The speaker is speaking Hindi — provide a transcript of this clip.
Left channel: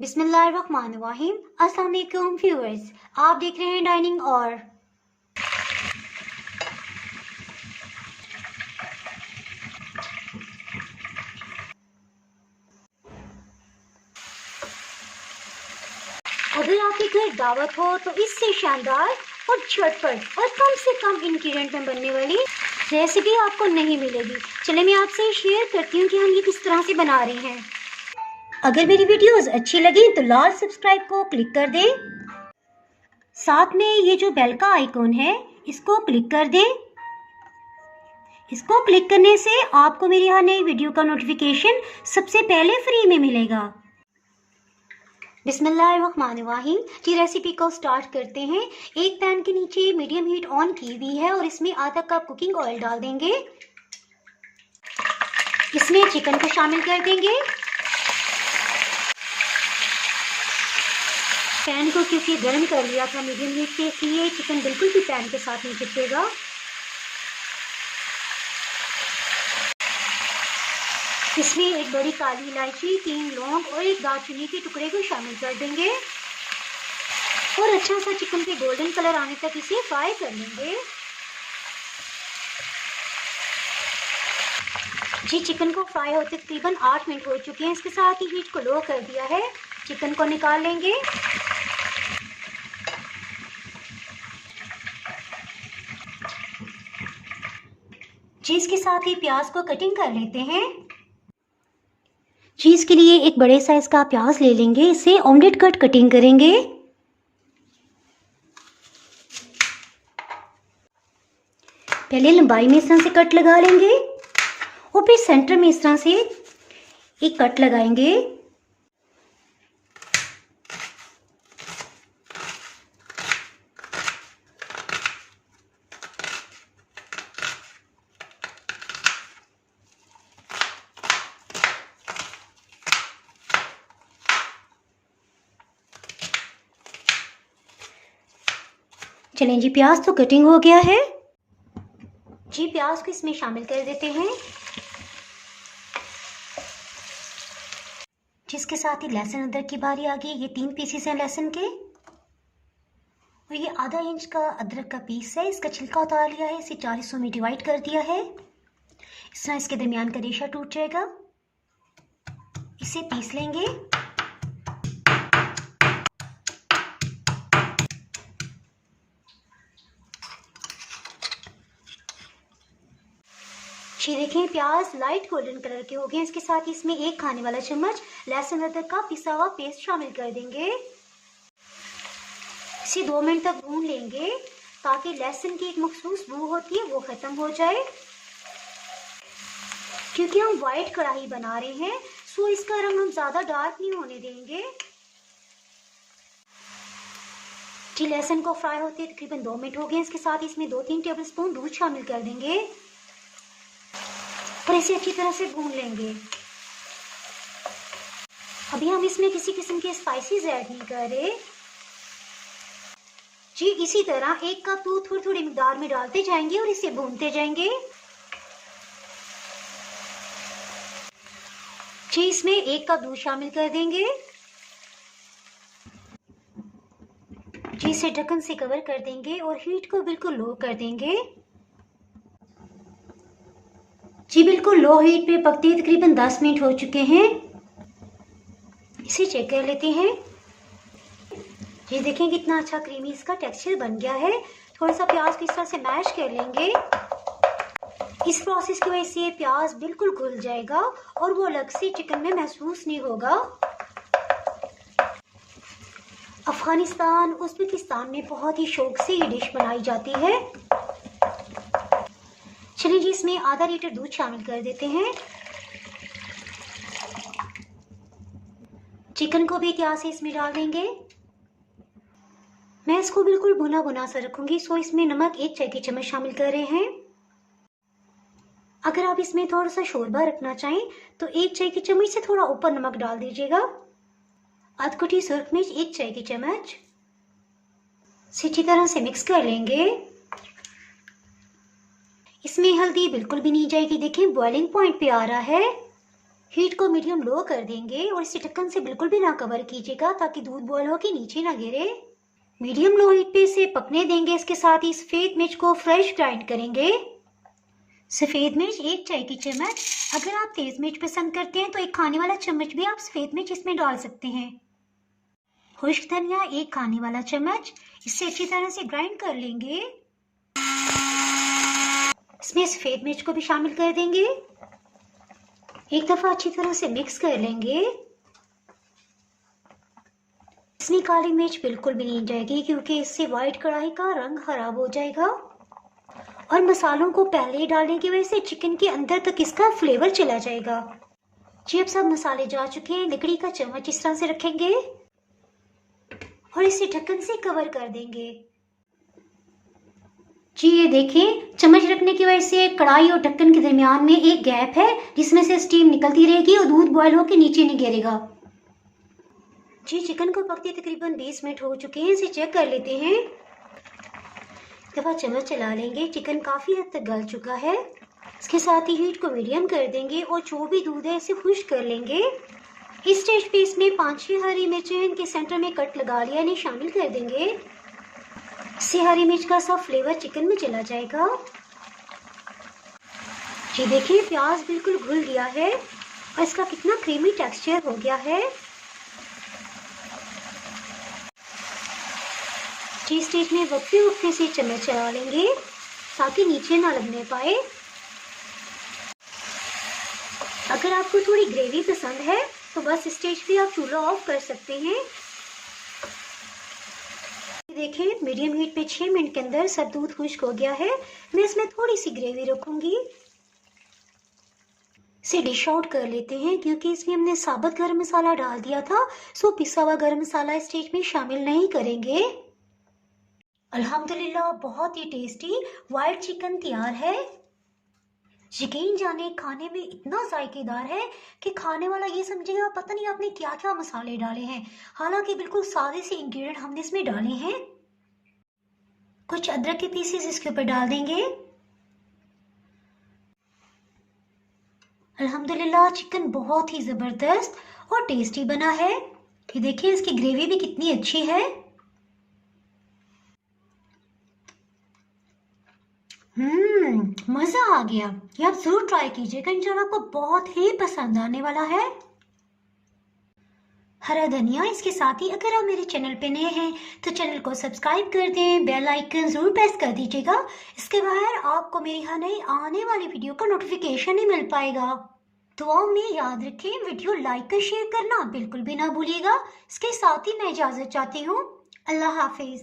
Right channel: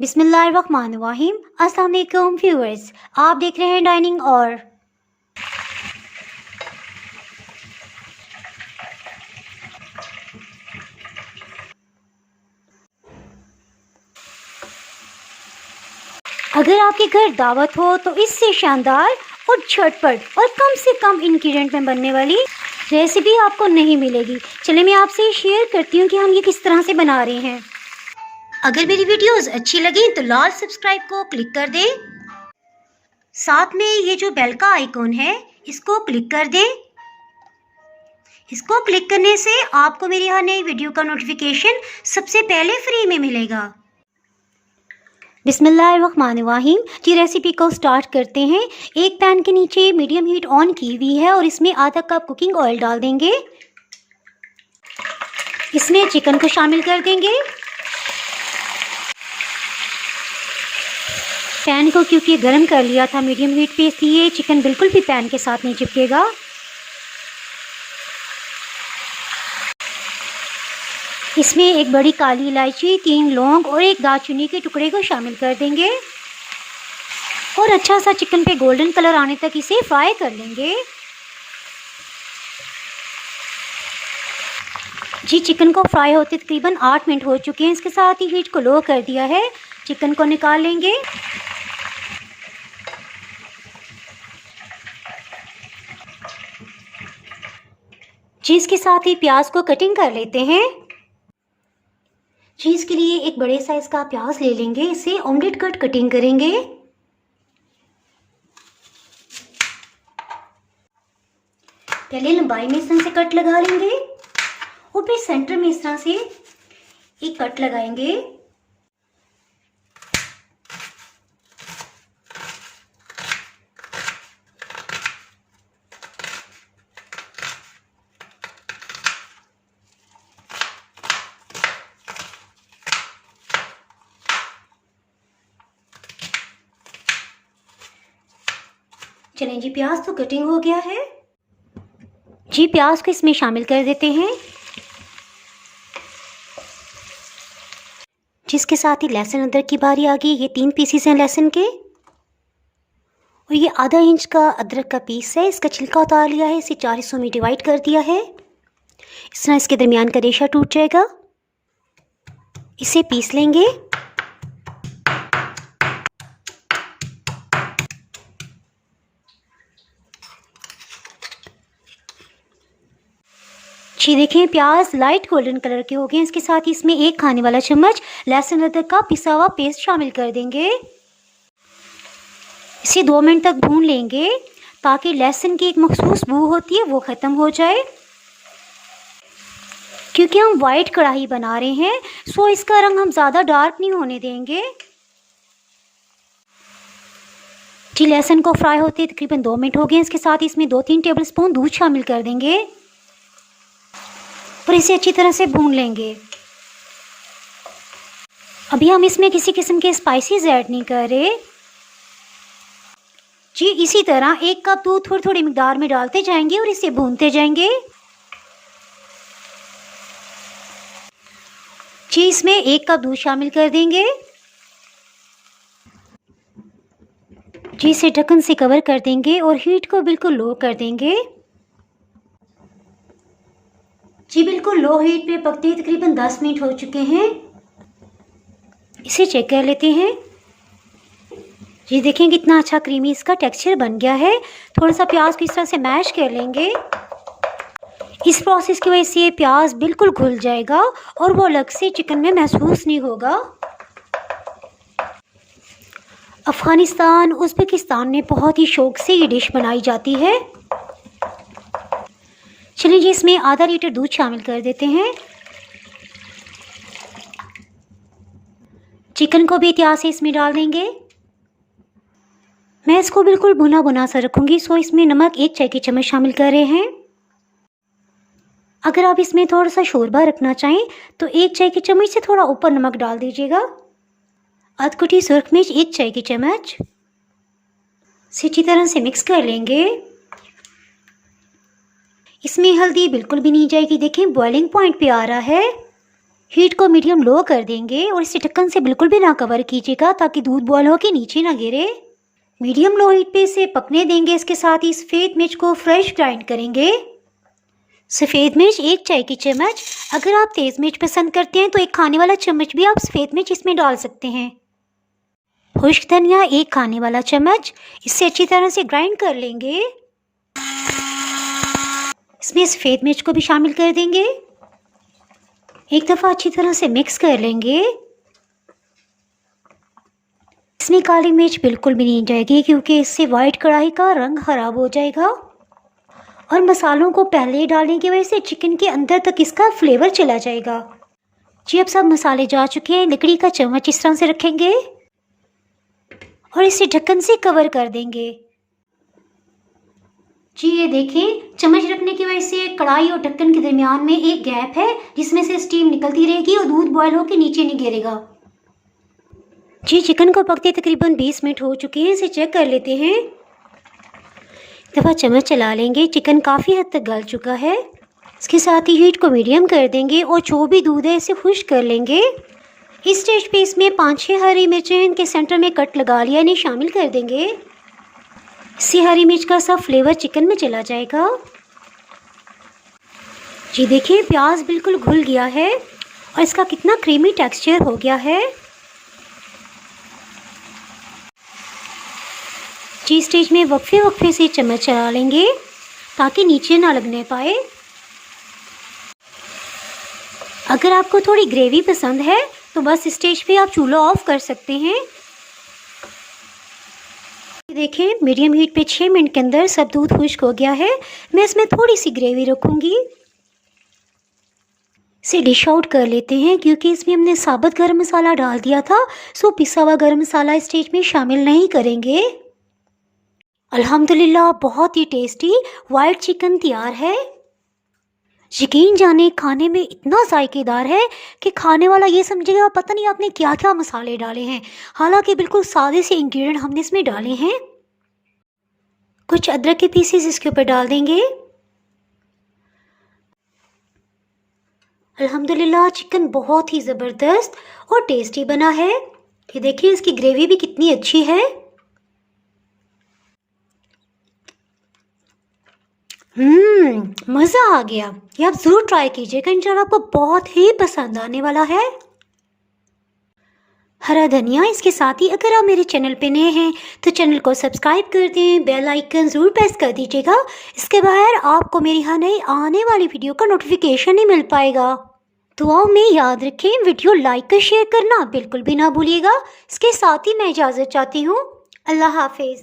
बिस्मिल्लाहिर्रहमानिर्रहीम। अस्सलाम वालेकुम व्यूअर्स, आप देख रहे हैं डाइनिंग। और अगर आपके घर दावत हो तो इससे शानदार और झटपट और कम से कम इंग्रेडिएंट में बनने वाली रेसिपी आपको नहीं मिलेगी। चलिए मैं आपसे शेयर करती हूँ कि हम ये किस तरह से बना रहे हैं। अगर मेरी वीडियोस अच्छी लगी तो लाल सब्सक्राइब को क्लिक कर दें। साथ में ये जो बेल का आइकॉन है इसको क्लिक कर दें। इसको क्लिक करने से आपको मेरी हर नई वीडियो का नोटिफिकेशन सबसे पहले फ्री में मिलेगा। बिस्मिल्लाहिर्रहमानिर्रहीम की रेसिपी को स्टार्ट करते हैं। एक पैन के नीचे मीडियम हीट ऑन की हुई है और इसमें आधा कप कुकिंग ऑयल डाल देंगे। इसमें चिकन को शामिल कर देंगे। पैन को क्योंकि गर्म कर लिया था मीडियम हीट पे, इसलिए चिकन बिल्कुल भी पैन के साथ नहीं चिपकेगा। इसमें एक बड़ी काली इलायची, 3 लौंग और एक दालचीनी के टुकड़े को शामिल कर देंगे और अच्छा सा चिकन पे गोल्डन कलर आने तक इसे फ्राई कर लेंगे। जी चिकन को फ्राई होते तकरीबन 8 मिनट हो चुके हैं। इसके साथ ही हीट को लो कर दिया है। चिकन को निकाल लेंगे। जी इसके साथ ही प्याज को कटिंग कर लेते हैं। जी इसके लिए एक बड़े साइज का प्याज ले लेंगे। इसे ऑमलेट कट कटिंग करेंगे। पहले लंबाई में इस तरह से कट लगा लेंगे और फिर सेंटर में इस तरह से एक कट लगाएंगे। चलें जी, प्याज तो कटिंग हो गया है। जी प्याज को इसमें शामिल कर देते हैं। जिसके साथ ही लहसुन अदरक की बारी आ गई। ये 3 पीसेस हैं लहसुन के और ये आधा इंच का अदरक का पीस है। इसका छिलका उतार लिया है। इसे 4 हिस्सों में डिवाइड कर दिया है। इस तरह इसके दरमियान का रेशा टूट जाएगा। इसे पीस लेंगे। जी देखें, प्याज लाइट गोल्डन कलर के हो गए। इसके साथ ही इसमें 1 खाने वाला चम्मच लहसुन अदरक का पिसा हुआ पेस्ट शामिल कर देंगे। इसे 2 मिनट तक भून लेंगे ताकि लहसुन की एक मखसूस बू होती है वो ख़त्म हो जाए। क्योंकि हम वाइट कढ़ाई बना रहे हैं सो इसका रंग हम ज़्यादा डार्क नहीं होने देंगे। जी लहसुन को फ्राई होते तकरीबन 2 मिनट हो गए। इसके साथ इसमें 2-3 टेबलस्पून दूध शामिल कर देंगे और इसे अच्छी तरह से भून लेंगे। अभी हम इसमें किसी किस्म के स्पाइसेस ऐड नहीं कर रहे। जी इसी तरह 1 कप दूध थोड़ी थोड़ी मिकदार में डालते जाएंगे और इसे भूनते जाएंगे। जी इसमें 1 कप दूध शामिल कर देंगे। जी इसे ढक्कन से कवर कर देंगे और हीट को बिल्कुल लो कर देंगे। जी बिल्कुल लो हीट पे पकते तकरीबन 10 मिनट हो चुके हैं। इसे चेक कर लेते हैं। जी देखें कितना अच्छा क्रीमी इसका टेक्सचर बन गया है। थोड़ा सा प्याज को इस तरह से मैश कर लेंगे। इस प्रोसेस की वजह से प्याज बिल्कुल घुल जाएगा और वो अलग से चिकन में महसूस नहीं होगा। अफ़गानिस्तान, उज़्बेकिस्तान में बहुत ही शौक से ये डिश बनाई जाती है। चलिए जी इसमें आधा लीटर दूध शामिल कर देते हैं। चिकन को भी एहतियात से इसमें डाल देंगे। मैं इसको बिल्कुल भुना भुना सा रखूँगी सो इसमें नमक 1 चाय की चम्मच शामिल कर रहे हैं। अगर आप इसमें थोड़ा सा शोरबा रखना चाहें तो 1 चाय की चम्मच से थोड़ा ऊपर नमक डाल दीजिएगा। आध कुटी सुरख मिर्च 1 चाय की चम्मच से अच्छी तरह से मिक्स कर लेंगे। इसमें हल्दी बिल्कुल भी नहीं जाएगी। देखें बॉइलिंग पॉइंट पे आ रहा है। हीट को मीडियम लो कर देंगे और इसे ढक्कन से बिल्कुल भी ना कवर कीजिएगा ताकि दूध बॉयल होकर नीचे ना गिरे। मीडियम लो हीट पे इसे पकने देंगे। इसके साथ ही सफ़ेद मिर्च को फ्रेश ग्राइंड करेंगे। सफ़ेद मिर्च 1 चाय की चम्मच। अगर आप तेज़ मिर्च पसंद करते हैं तो 1 खाने वाला चम्मच भी आप सफ़ेद मिर्च इसमें डाल सकते हैं। खुश्क धनिया 1 खाने वाला चम्मच। इसे अच्छी तरह से ग्राइंड कर लेंगे। इसमें सफ़ेद मिर्च को भी शामिल कर देंगे। एक दफ़ा अच्छी तरह से मिक्स कर लेंगे। इसमें काली मिर्च बिल्कुल भी नहीं जाएगी क्योंकि इससे वाइट कढ़ाई का रंग ख़राब हो जाएगा। और मसालों को पहले ही डालने की वजह से चिकन के अंदर तक इसका फ्लेवर चला जाएगा। जी अब सब मसाले जा चुके हैं। लकड़ी का चम्मच इस तरह से रखेंगे और इसे ढक्कन से कवर कर देंगे। जी ये देखें, चम्मच रखने की वजह से कढ़ाई और ढक्कन के दरमियान में एक गैप है जिसमें से स्टीम निकलती रहेगी और दूध बॉयल होकर नीचे नहीं गिरेगा। जी चिकन को पकते तकरीबन 20 मिनट हो चुके हैं। इसे चेक कर लेते हैं। एक दफ़ा चम्मच चला लेंगे। चिकन काफ़ी हद तक गल चुका है। इसके साथ ही हीट को मीडियम कर देंगे और जो भी दूध है इसे खुश्क कर लेंगे। इस स्टेज पे इसमें 5-6 हरी मिर्चें इनके सेंटर में कट लगा लिया इन्हें शामिल कर देंगे। इससे हरी मिर्च का सब फ्लेवर चिकन में चला जाएगा। जी देखिए प्याज बिल्कुल घुल गया है और इसका कितना क्रीमी टेक्सचर हो गया है। जी स्टेज में वक्फे से चम्मच चला लेंगे ताकि नीचे ना लगने पाए। अगर आपको थोड़ी ग्रेवी पसंद है तो बस स्टेज पे आप चूल्हा ऑफ कर सकते हैं। देखिए मीडियम हीट पे 6 मिनट के अंदर सब दूध खुश्क हो गया है। मैं इसमें थोड़ी सी ग्रेवी रखूँगी। इसे डिश आउट कर लेते हैं क्योंकि इसमें हमने साबुत गरम मसाला डाल दिया था, सो पिसा हुआ गरम मसाला इस स्टेज में शामिल नहीं करेंगे। अल्हम्दुलिल्लाह बहुत ही टेस्टी वाइट चिकन तैयार है। यकीन जाने खाने में इतना जायकेदार है कि खाने वाला ये समझेगा पता नहीं आपने क्या क्या मसाले डाले हैं। हालांकि बिल्कुल सादे से इंग्रेडिएंट हमने इसमें डाले हैं। कुछ अदरक के पीसेस इसके ऊपर डाल देंगे। अल्हम्दुलिल्लाह चिकन बहुत ही ज़बरदस्त और टेस्टी बना है। ये देखिए इसकी ग्रेवी भी कितनी अच्छी है। मज़ा आ गया। ये आप ज़रूर ट्राई कीजिएगा, इंशाल्लाह आपको बहुत ही पसंद आने वाला है। हरा धनिया इसके साथ ही अगर आप मेरे चैनल पे नए हैं तो चैनल को सब्सक्राइब कर दें, बेल आइकन ज़रूर प्रेस कर दीजिएगा। इसके बगैर आपको मेरी हर नई आने वाली वीडियो का नोटिफिकेशन नहीं मिल पाएगा। दुआओं में याद रखें, वीडियो लाइक और शेयर करना बिल्कुल भी ना भूलिएगा। इसके साथ ही मैं इजाज़त चाहती हूँ। अल्लाह हाफिज़।